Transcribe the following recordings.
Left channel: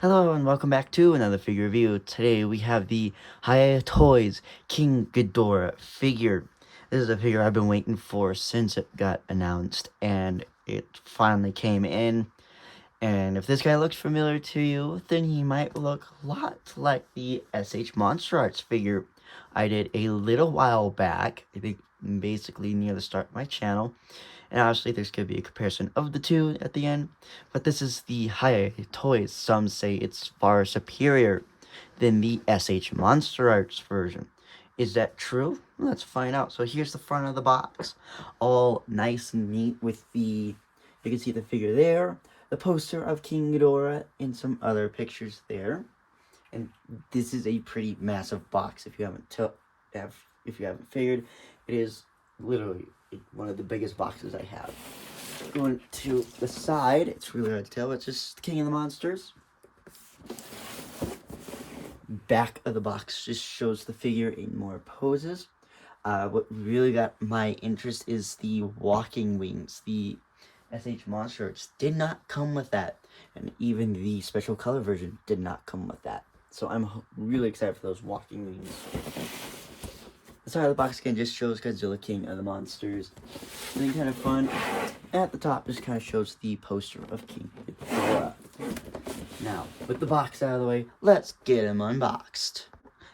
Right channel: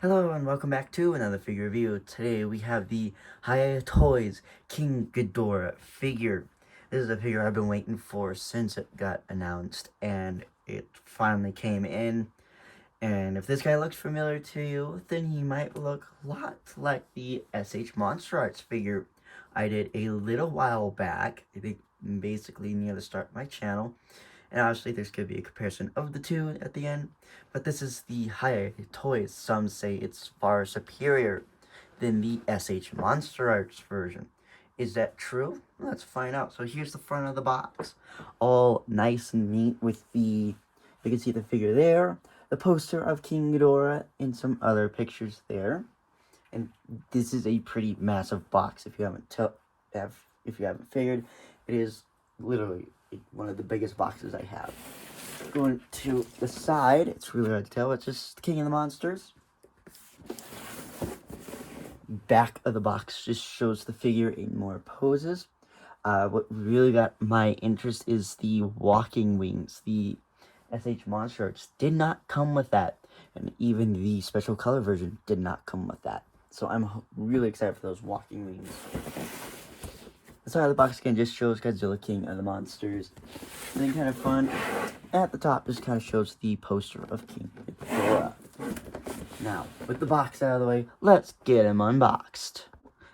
Hello and welcome back to another figure review. Today we have the Hiya Toys King Ghidorha figure. This is a figure I've been waiting for since it got announced, and it finally came in. And if this guy looks familiar to you, then he might look a lot like the SH Monster Arts figure I did a little while back. I think basically near the start of my channel. And obviously there's going to be a comparison of the two at the end. But this is the Hiya Toys. Some say it's far superior than the SH Monster Arts version. Is that true? Let's find out. So here's the front of the box. All nice and neat with the... You can see the figure there. The poster of King Ghidorha and some other pictures there. And this is a pretty massive box if you haven't figured. It is literally one of the biggest boxes I have. Going to the side, it's really hard to tell. It's just King of the Monsters. Back of the box just shows the figure in more poses. What really got my interest is the walking wings. The SH Monster Arts did not come with that, and even the special color version did not come with that. So I'm really excited for those walking wings. The side of the box again just shows Godzilla, King of the Monsters. And then kind of fun, at the top just kind of shows the poster of King Ghidorha. Now, with the box out of the way, let's get him unboxed.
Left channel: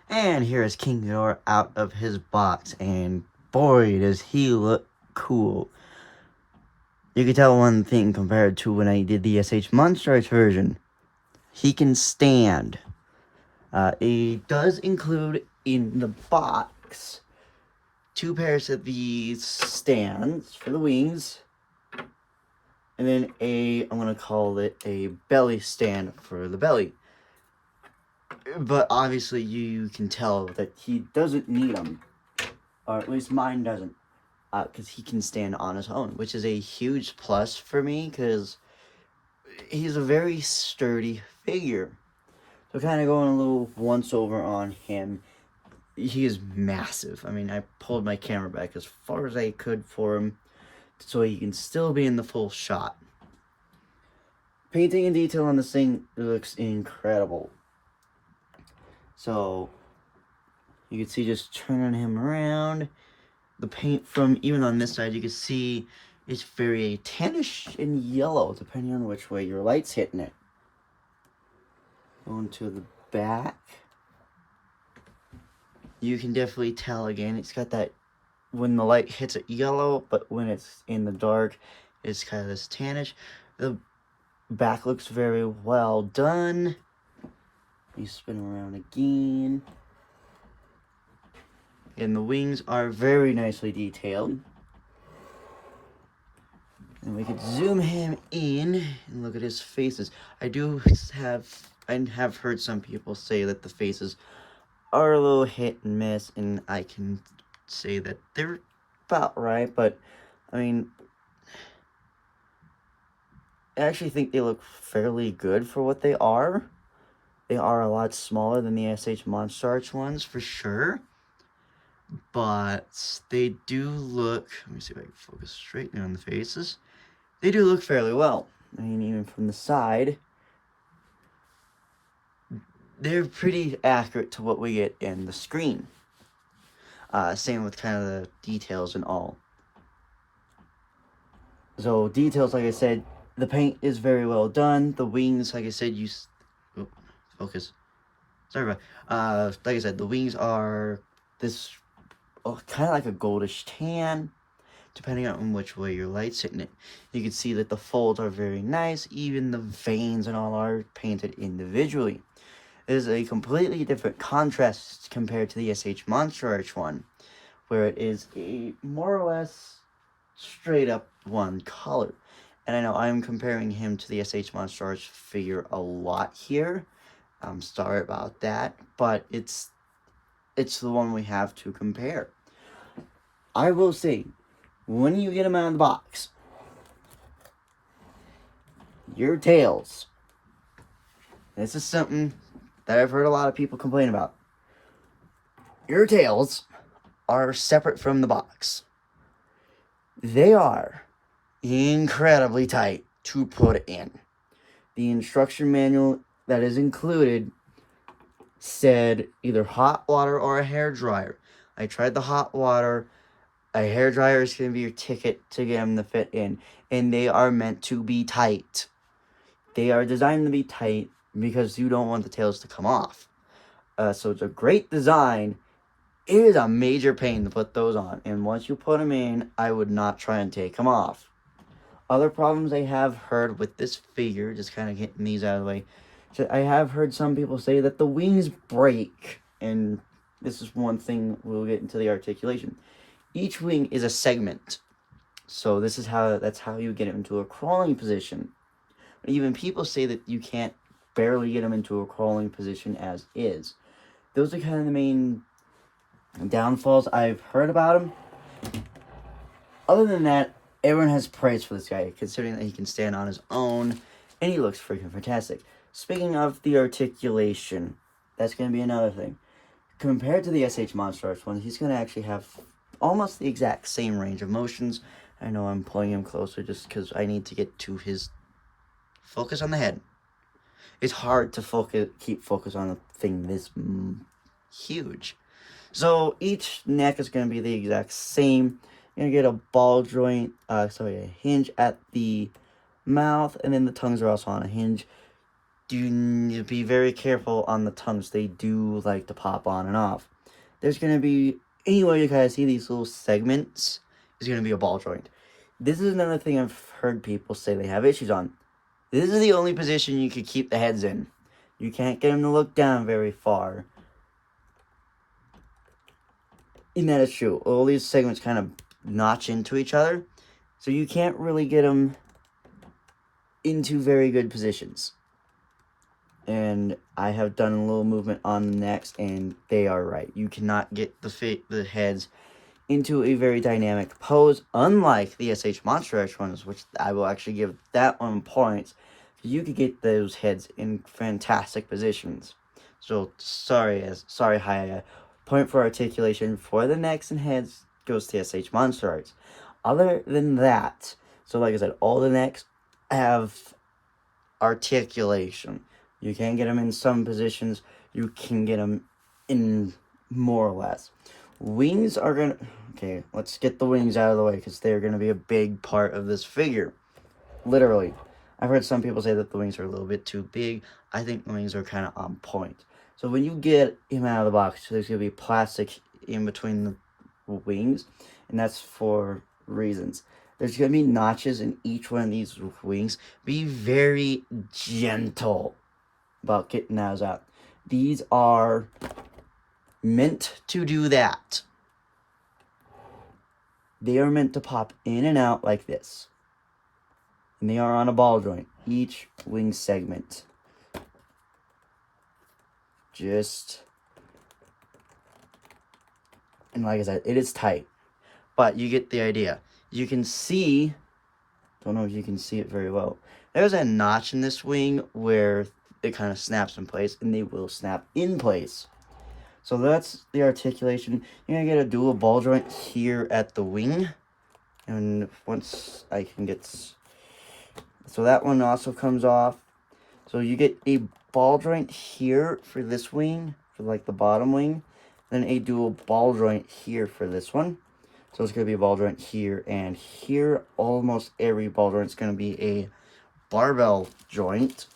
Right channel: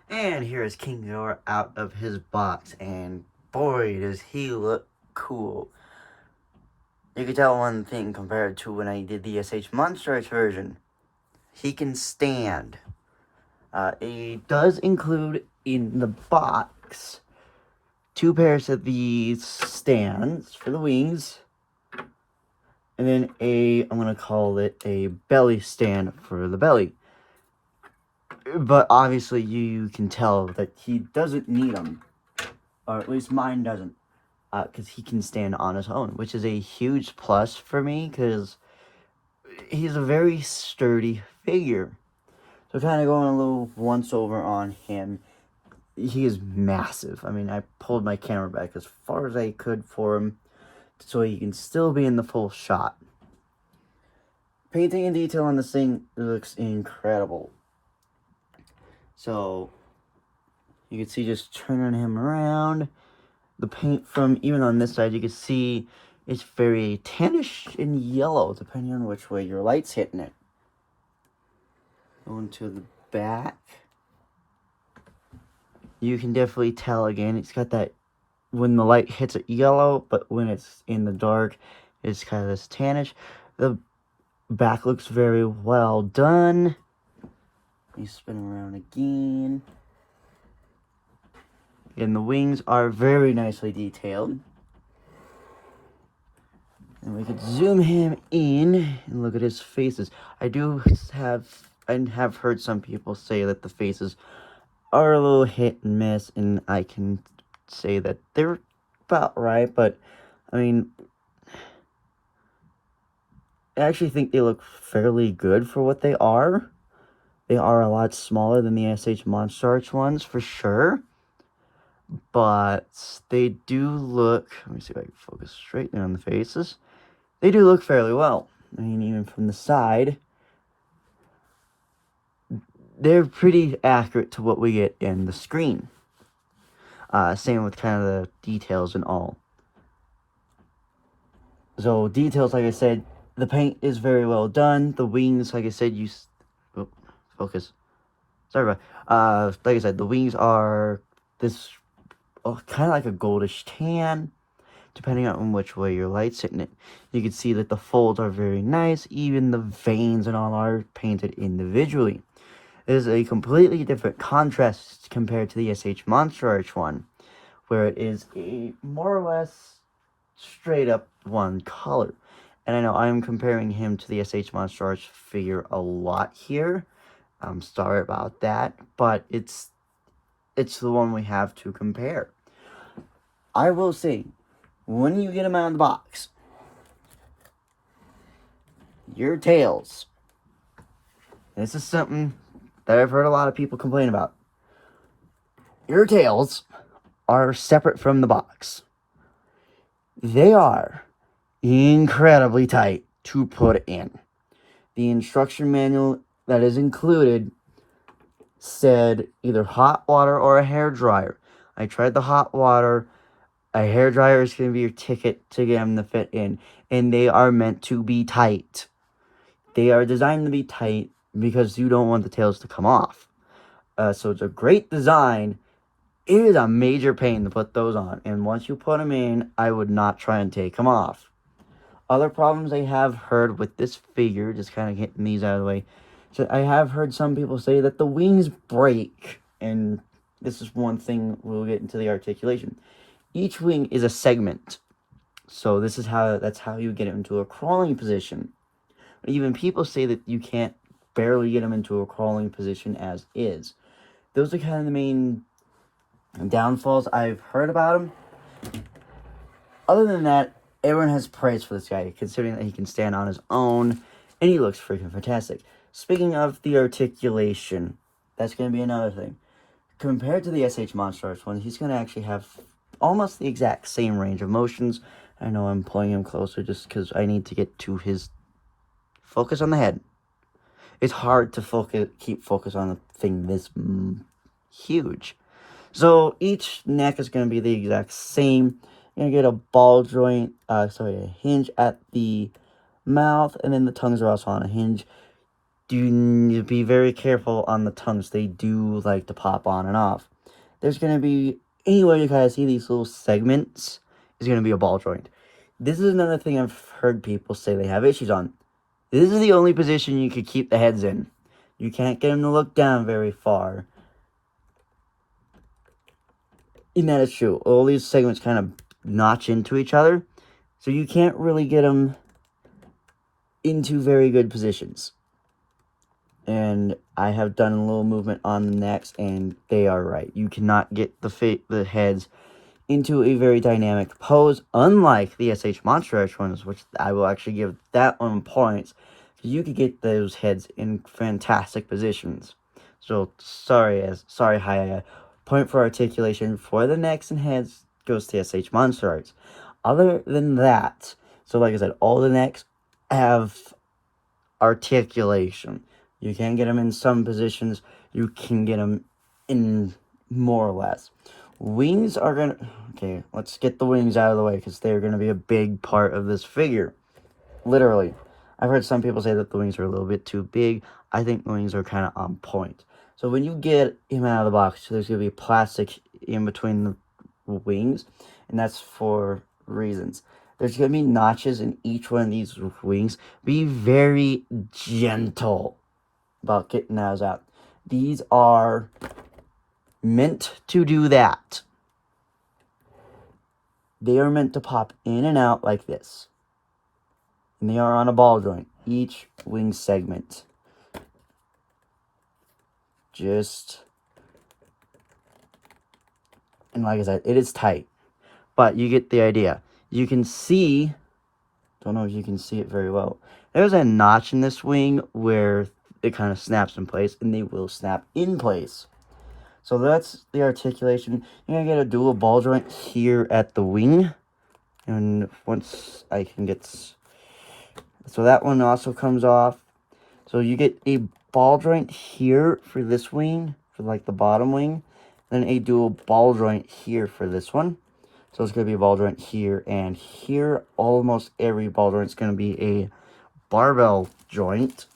And here is King Ghidorha out of his box, and boy does he look cool. You can tell one thing compared to when I did the SH Monster Arts version. He can stand. It does include in the box 2 pairs of these stands for the wings, and then I'm going to call it a belly stand for the belly. But obviously you can tell that he doesn't need them, or at least mine doesn't, because he can stand on his own, which is a huge plus for me, because he's a very sturdy figure. So kind of going a little once over on him. He is massive. I mean, I pulled my camera back as far as I could for him so he can still be in the full shot. Painting and detail on this thing looks incredible. So, you can see just turning him around. The paint from, even on this side, you can see it's very tannish and yellow, depending on which way your light's hitting it. Going to the back. You can definitely tell again, it's got that, when the light hits it yellow, but when it's in the dark, it's kind of this tannish. The back looks very well done. You spin around again. And the wings are very nicely detailed. And we could zoom him in and look at his faces. I have heard some people say that the faces are a little hit and miss, and I can say that they're about right, but I mean, I actually think they look fairly good for what they are. They are a lot smaller than the SH Monster Arts ones, for sure. But they do look, let me see if I can focus straight in on the faces. They do look fairly well. I mean, even from the side, they're pretty accurate to what we get in the screen. Same with kind of the details and all. So details, like I said, the paint is very well done. The wings, like I said, focus. Sorry about. Like I said, the wings are this kind of like a goldish tan, depending on which way your light's hitting it. You can see that the folds are very nice. Even the veins and all are painted individually. It is a completely different contrast compared to the SH Monster Arts one, where it is a more or less straight up one color. And I know I'm comparing him to the SH Monster Arts figure a lot here. I'm sorry about that, but it's the one we have to compare. I will say, when you get him out of the box, your tails, this is something that I've heard a lot of people complain about. Your tails are separate from the box. They are incredibly tight to put in. The instruction manual that is included said either hot water or a hair dryer. I tried the hot water. A hair dryer is going to be your ticket to get them to fit in, and they are meant to be tight. They are designed to be tight because you don't want the tails to come off. So it's a great design. It is a major pain to put those on, and once you put them in, I would not try and take them off. Other problems I have heard with this figure, just kind of getting these out of the way, so I have heard some people say that the wings break, and this is one thing we'll get into the articulation. Each wing is a segment, so that's how you get it into a crawling position. But even people say that you can't barely get them into a crawling position as is. Those are kind of the main downfalls I've heard about him. Other than that, everyone has praise for this guy, considering that he can stand on his own, and he looks freaking fantastic. Speaking of the articulation, that's going to be another thing. Compared to the SH Monstro one, he's going to actually have almost the exact same range of motions. I know I'm pulling him closer just because I need to get to his focus on the head. It's hard to keep focus on a thing this huge. So each neck is going to be the exact same. You're going to get a ball joint, a hinge at the mouth, and then the tongues are also on a hinge. You need to be very careful on the tongues. They do like to pop on and off. There's going to be, anywhere you guys see these little segments, is going to be a ball joint. This is another thing I've heard people say they have issues on. This is the only position you could keep the heads in. You can't get them to look down very far. And that is true. All these segments kind of notch into each other, so you can't really get them into very good positions. And I have done a little movement on the necks, and they are right. You cannot get the heads into a very dynamic pose, unlike the SH Monstro ones, which I will actually give that one points. You could get those heads in fantastic positions. So sorry, Hiya. Point for articulation for the necks and heads goes to SH Monstro. Other than that, so like I said, all the necks have articulation. You can get them in some positions. You can get them in more or less. Wings are gonna... Okay, let's get the wings out of the way, because they're gonna be a big part of this figure. Literally. I've heard some people say that the wings are a little bit too big. I think the wings are kind of on point. So when you get him out of the box, there's going to be plastic in between the wings, and that's for reasons. There's going to be notches in each one of these wings. Be very gentle about getting those out. These are meant to do that. They are meant to pop in and out like this. And they are on a ball joint, each wing segment. And like I said, it is tight, but you get the idea. You can see, don't know if you can see it very well, there's a notch in this wing where it kind of snaps in place, and they will snap in place. So that's the articulation. You're gonna get a dual ball joint here at the wing, and once I can get, so that one also comes off. So you get a ball joint here for this wing, for like the bottom wing, then a dual ball joint here for this one. So it's going to be a ball joint here and here. Almost every ball joint is going to be a barbell joint.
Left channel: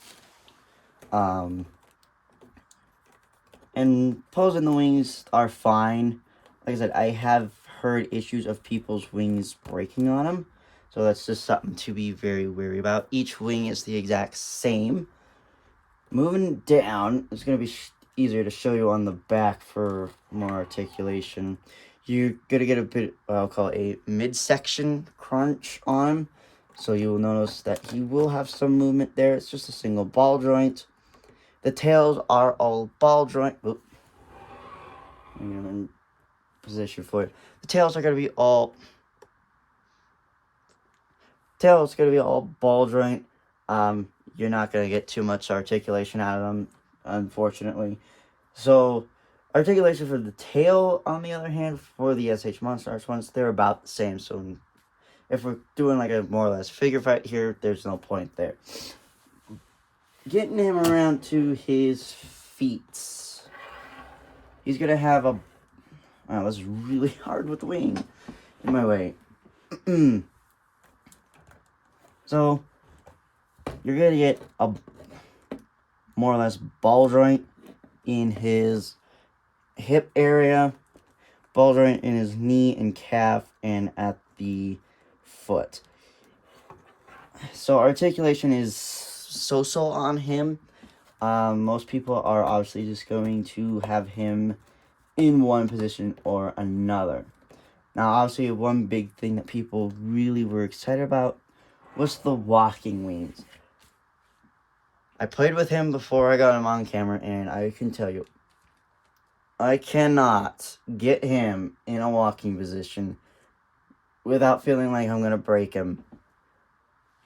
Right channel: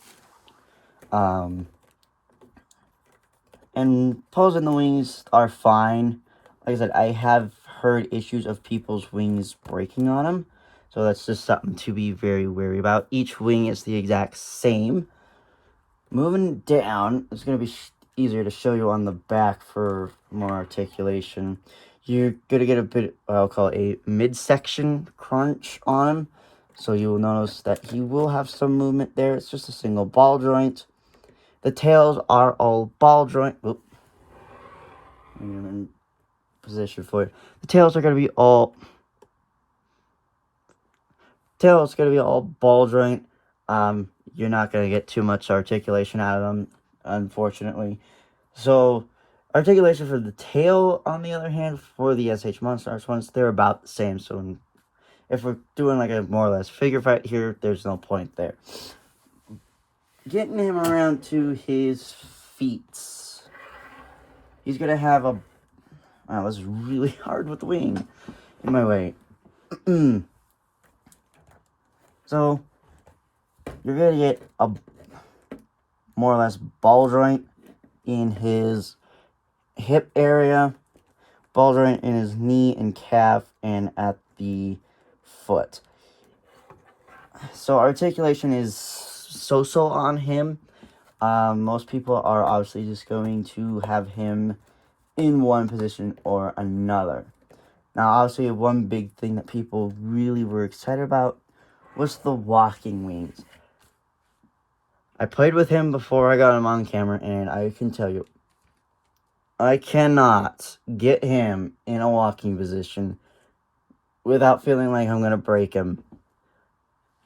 And toes in the wings are fine. Like I said, I have heard issues of people's wings breaking on them. So that's just something to be very wary about. Each wing is the exact same. Moving down, it's going to be easier to show you on the back for more articulation. You're going to get a bit, what I'll call a midsection crunch on him. So you will notice that he will have some movement there. It's just a single ball joint. The tails are all ball joint. Oop. I'm in position for it. The tails are going to be all... Tails going to be all ball joint. You're not going to get too much articulation out of them, unfortunately. So, articulation for the tail, on the other hand, for the SH Monstro ones, they're about the same. So, if we're doing like a more or less figure fight here, there's no point there. getting him around to his feet. He's gonna have a... Wow, that's really hard with the wing. In my way. So, you're gonna get a more or less ball joint in his hip area, ball joint in his knee and calf, and at the foot. So articulation is so-so on him. Most people are obviously just going to have him in one position or another. Now, obviously, one big thing that people really were excited about was the walking wings. I played with him before I got him on camera, and I can tell you, I cannot get him in a walking position without feeling like I'm going to break him.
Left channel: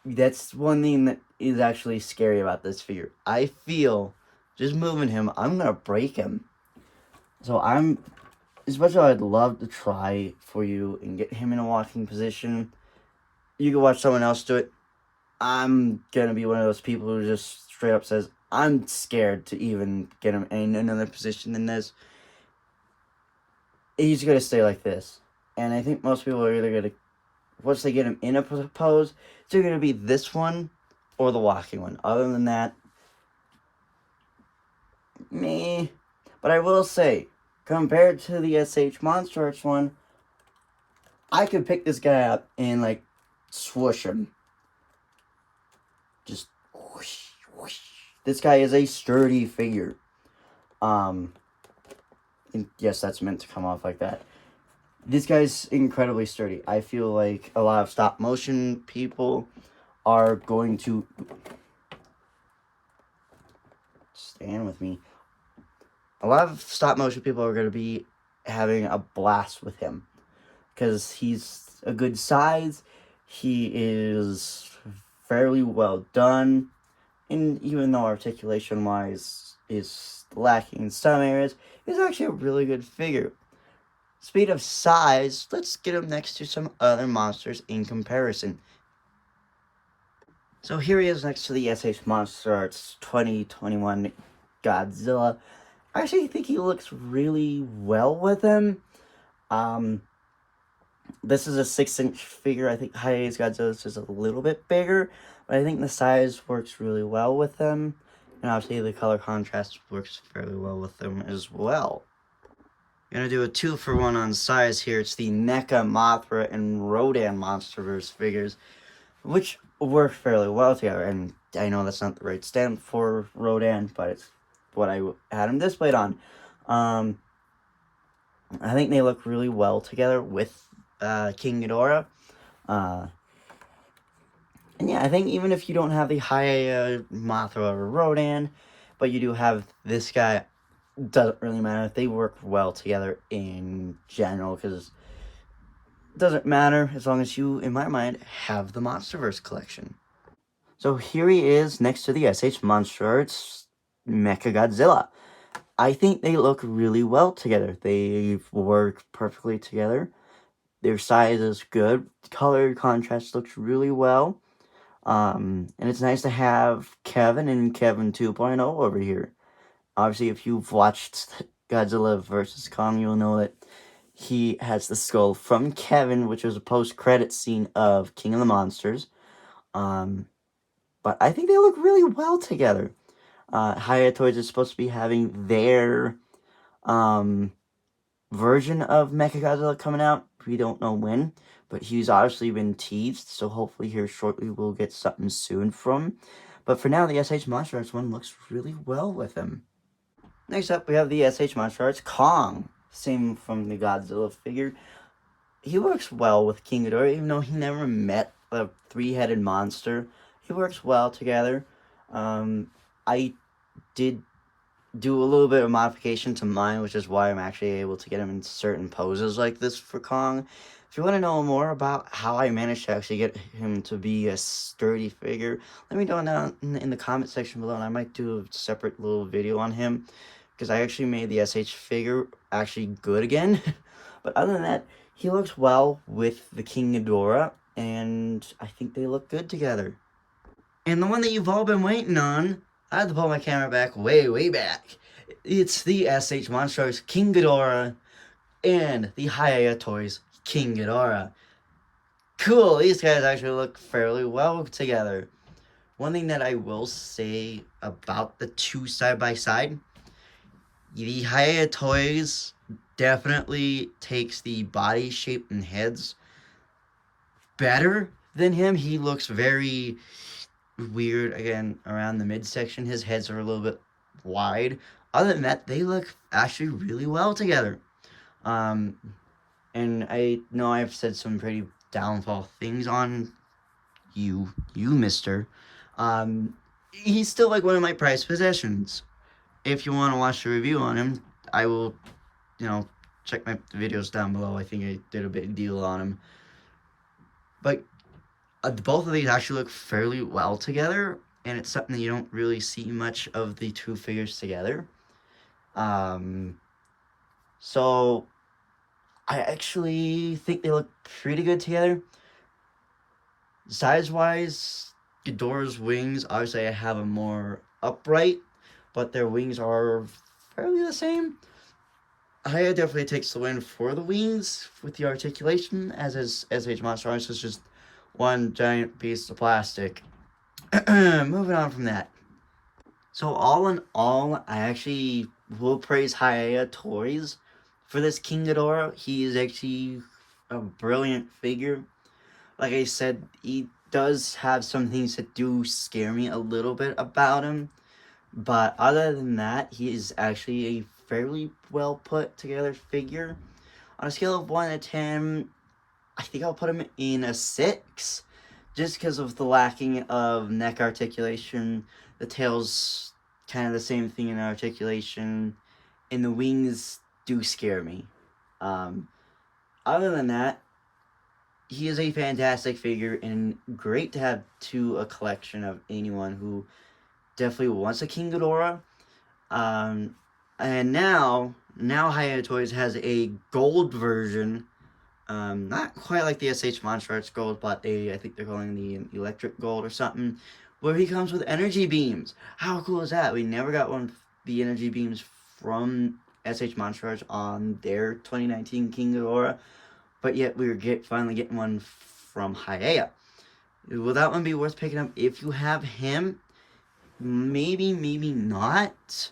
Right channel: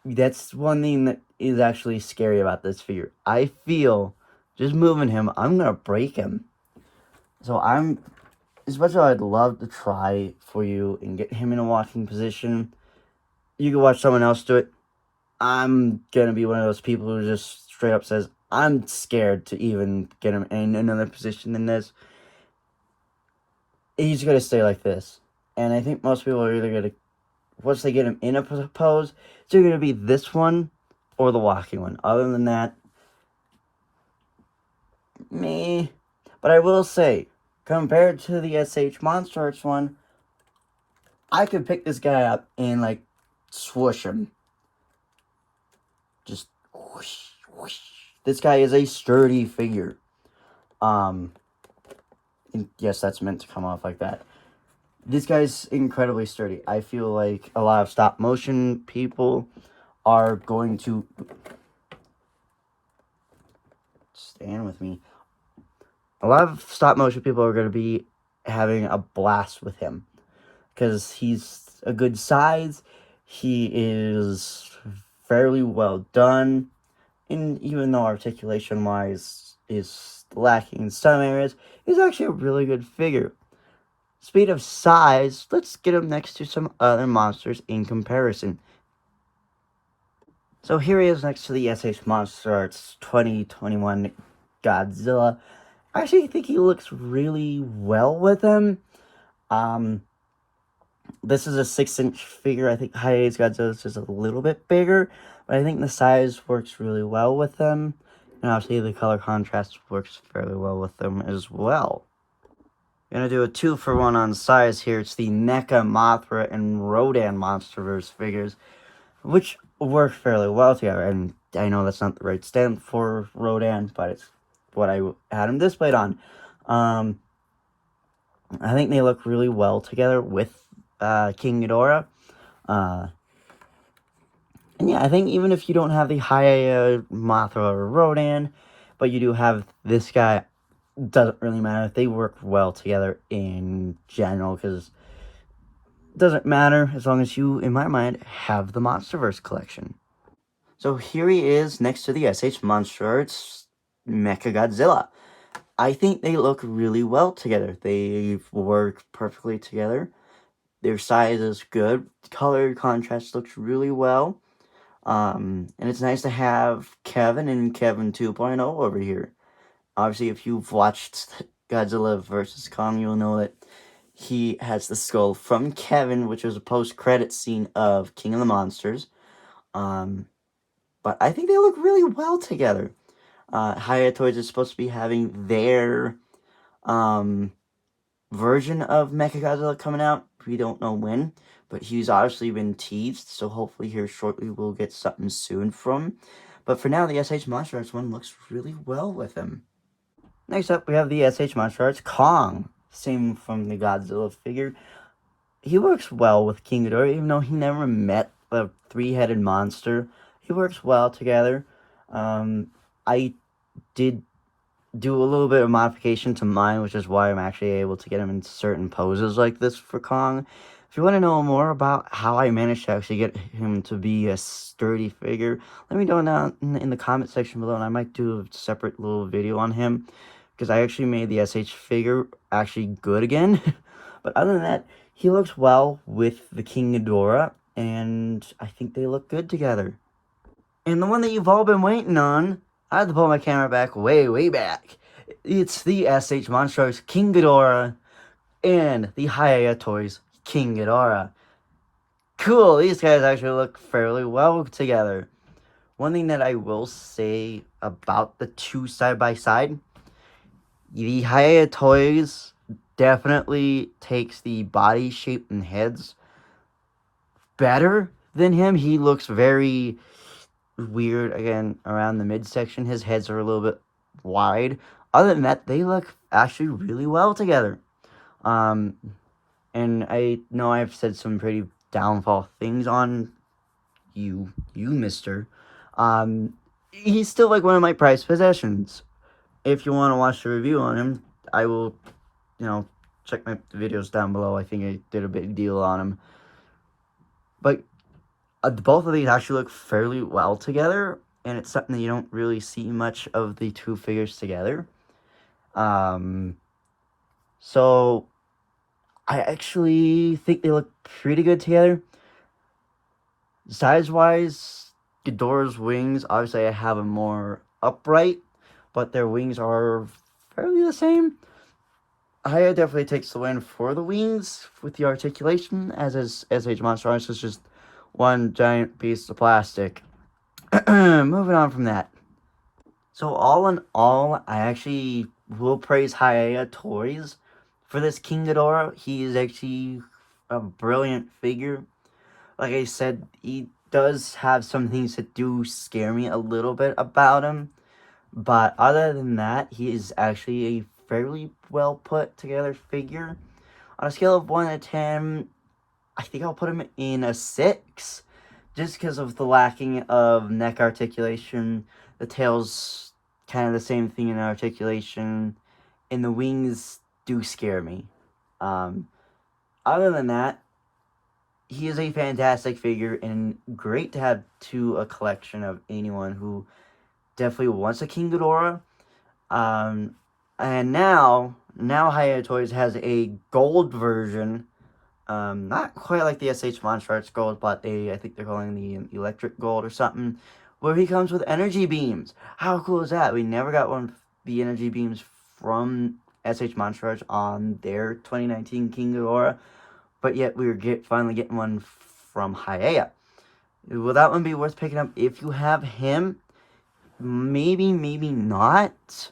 That's one thing that is actually scary about this figure. I feel, just moving him, I'm going to break him. So as much as I'd love to try for you and get him in a walking position, you can watch someone else do it. I'm going to be one of those people who just straight up says, I'm scared to even get him in another position than this. He's going to stay like this. And I think most people are either going to, once they get him in a pose, it's either going to be this one or the walking one. Other than that, me. But I will say, compared to the SH Monstro Arts one, I could pick this guy up and, like, swoosh him. Just whoosh, whoosh. This guy is a sturdy figure. And yes, that's meant to come off like that. This guy's incredibly sturdy. I feel like a lot of stop motion people are going to... Stand with me. A lot of stop motion people are going to be having a blast with him. Because he's a good size. He is fairly well done. And even though articulation-wise is lacking in some areas, he's actually a really good figure. Speed of size, let's get him next to some other monsters in comparison. So here he is next to the SH Monstro Arts 2021 Godzilla. I actually think he looks really well with him. This is a 6-inch figure. I think Hiya Toys Godzilla is just a little bit bigger, but I think the size works really well with them. And obviously the color contrast works fairly well with them as well. I'm going to do a 2-for-1 on size here. It's the NECA, Mothra, and Rodan Monsterverse figures, which work fairly well together. And I know that's not the right stand for Rodan, but it's what I had them displayed on. I think they look really well together with King Ghidorha. And yeah, I think even if you don't have the Hiya, Mothra, or Rodan, but you do have this guy, doesn't really matter. They work well together in general, because it doesn't matter as long as you, in my mind, have the Monsterverse collection. So here he is next to the SH Monstro Arts Mechagodzilla. I think they look really well together. They work perfectly together. Their size is good. Color contrast looks really well. And it's nice to have Kevin and Kevin 2.0 over here. Obviously, if you've watched Godzilla vs. Kong, you'll know that he has the skull from Kevin, which was a post-credit scene of King of the Monsters. But I think they look really well together. Hiya Toys is supposed to be having their version of Mechagodzilla coming out. We don't know when, but he's obviously been teased, so hopefully here shortly we'll get something soon from him. But for now, the SH Monstro Arts one looks really well with him. Next up, we have the SH Monstro Arts Kong. Same from the Godzilla figure. He works well with King Ghidorha, even though he never met a 3-headed monster. He works well together. I did do a little bit of modification to mine, which is why I'm actually able to get him in certain poses like this for Kong. If you want to know more about how I managed to actually get him to be a sturdy figure, let me know down in the comment section below, and I might do a separate little video on him, because I actually made the SH figure actually good again. But other than that, he looks well with the King Ghidorha, and I think they look good together. And the one that you've all been waiting on, I had to pull my camera back way back. It's the SH Monstro King Ghidorha and the Hiya Toys King Ghidorha. Cool, these guys actually look fairly well together. One thing that I will say about the two side by side, the Hiya Toys definitely takes the body shape and heads better than him. He looks very weird again around the midsection. His heads are a little bit wide. Other than that, they look actually really well together. And I know I've said some pretty downfall things on you, mister. He's still like one of my prized possessions. If you want to watch the review on him, I will, check my videos down below. I think I did a big deal on him. But both of these actually look fairly well together, and it's something that you don't really see much of the two figures together. So I actually think they look pretty good together. Size-wise, Ghidorah's wings, obviously I have them more upright, but their wings are fairly the same. Hiya definitely takes the win for the wings with the articulation, as is SH Monstro. It's just one giant piece of plastic. Moving on from that. So all in all, I actually will praise Hiya Toys for this King Ghidorah. He is actually a brilliant figure. Like I said, he does have some things that do scare me a little bit about him. But other than that, he is actually a fairly well put together figure. On a scale of 1 to 10, I think I'll put him in a 6. Just because of the lacking of neck articulation. The tail's kind of the same thing in articulation. And the wings do scare me. Other than that, he is a fantastic figure and great to have to a collection of anyone who definitely wants a King Ghidorah. And now Hiya Toys has a gold version. Not quite like the SH Monstro Arts Gold, but I think they're calling the Electric Gold or something, where he comes with energy beams. How cool is that? We never got one of the energy beams from SH Monstro Arts on their 2019 King Ghidorah, but yet we were finally getting one from Hiya. Will that one be worth picking up if you have him? Maybe not.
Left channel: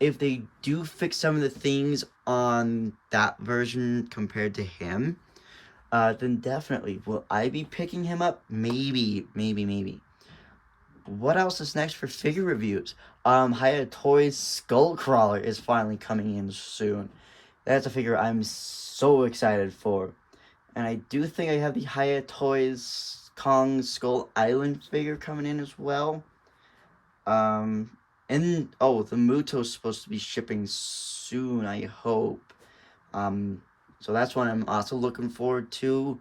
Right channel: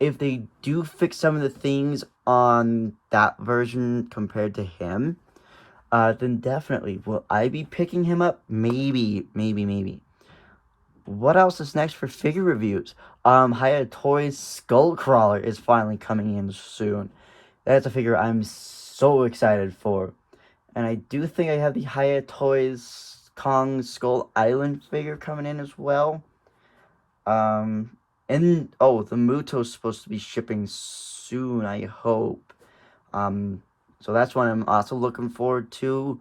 If they do fix some of the things on that version compared to him, then definitely. Will I be picking him up? Maybe. What else is next for figure reviews? Hiya Toys Skullcrawler is finally coming in soon. That's a figure I'm so excited for. And I do think I have the Hiya Toys Kong Skull Island figure coming in as well. And the Muto's supposed to be shipping soon, I hope. So that's one I'm also looking forward to.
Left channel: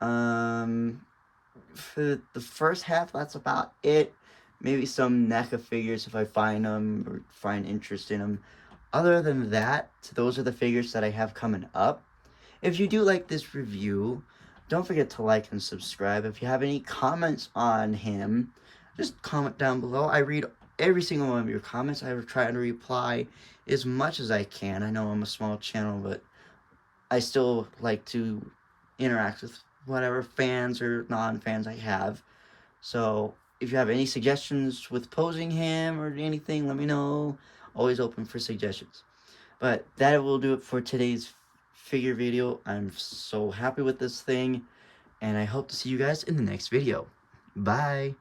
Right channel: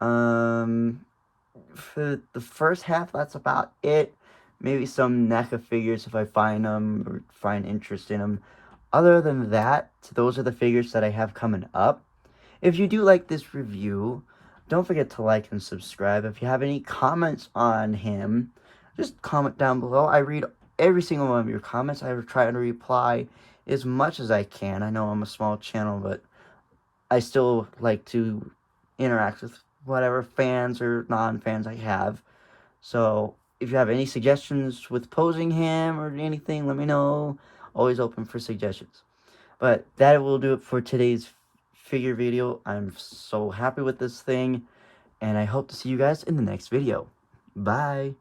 For the first half, that's about it. Maybe some NECA figures if I find them or find interest in them. Other than that, those are the figures that I have coming up. If you do like this review, don't forget to like and subscribe. If you have any comments on him, just comment down below. I read every single one of your comments. I try to reply as much as I can. I know I'm a small channel, but I still like to interact with whatever fans or non-fans I have. So if you have any suggestions with posing him or anything, let me know. Always open for suggestions. But that will do it for today's figure video. I'm so happy with this thing, and I hope to see you guys in the next video. Bye!